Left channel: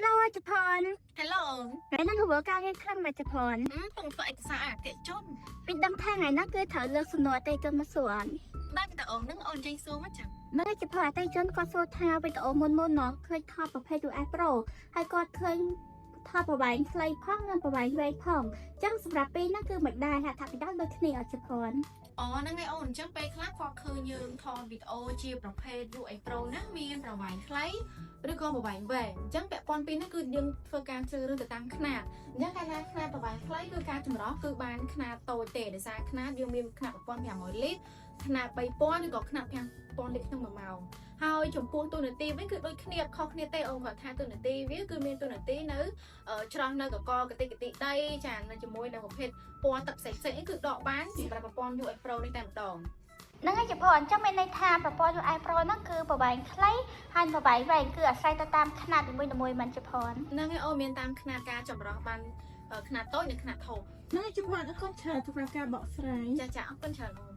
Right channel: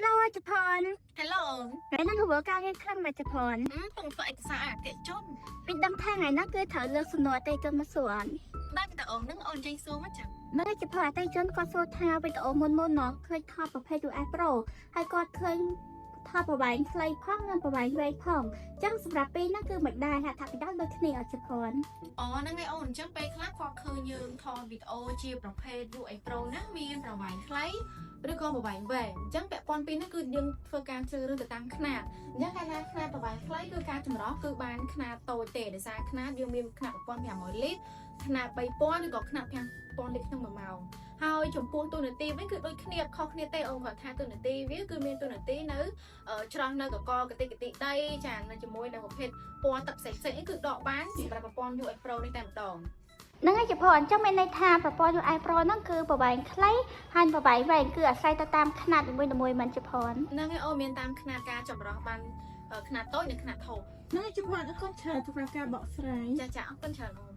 Hello ជប៉ុន Hello ថ្ងៃនេះធ្វើការងារខ្លាំងណាស់ជប៉ុន ពងធ្វើឯកសារអតិថិជន ពីដឹងថាថ្ងៃនេះគឺត្រូវលើកសំណួរអតិថិជនមកសួរ ដែរវីដេអូហ្នឹងអូនចេញសួរមកចឹង នៅជប៉ុនអតិថិជនគាត់សួរថាវីដេអូមុនមកឃើញថតប្រភេទ US Pro ហើយគាត់ឃើញថតប្រវែងខ្លីផងនិងប្រវែងវែងផងអញ្ចឹងសម្រាប់ពេលហ្នឹងគឺមិនដែរហត្ថប្រយោជន៍ដូចគ្នាអត់ជប៉ុន អូហ្នឹងឯងអូនអញ្ចឹងពេលខ្លះគាត់ឃើញយើងថតវីដេអូជាប្រភេទ US Pro ហ្នឹងមានប្រវែងខ្លីឬក៏ប្រវែងវែងអញ្ចឹងពាក់ព័ន្ធពីនេះគឺយើងធ្វើការជ្រើសរើសទៅតាមខ្នាតអញ្ចឹងកាលណាខ្នាតប្រវែងខ្លីគឺការចម្រោះគឺបានខ្នាតតូចទេដោយសារខ្នាតយើងមានខ្នាត1500លីត្រខ្នាត3000ឬក៏ខ្នាត5000លីត្រក្នុង1ម៉ោងហើយចំពោះទូនាទីវិញគឺដូចគ្នាខុសគ្នាទេអូនគាត់ថាទូនាទីវាគឺមានទូនាទីនៅច្រោះនៅកកកតិកតិដីចានៅជាមួយនឹងប្រភេទពណ៌ទឹកផ្សេងៗគឺដកបានសម្រាប់ប្រព័ន្ធ US Pro នេះតែម្ដង នឹងជប៉ុនអញ្ចឹងមានន័យថាប្រព័ន្ធ US Pro ហ្នឹងគឺប្រវែងខ្លីហើយប្រវែងវែងគឺអាស្រ័យទៅតាមខ្នាតនីមួយៗមិនជប៉ុន ហ្នឹងឯងអូនមានតាមខ្នាតការចម្រោះបានខ្នាតតូចនិងខ្នាតធំ ហ្នឹងជប៉ុនអរគុណច្រើនសម្រាប់ការបកស្រាយ ចាអរគុណច្រើនអូន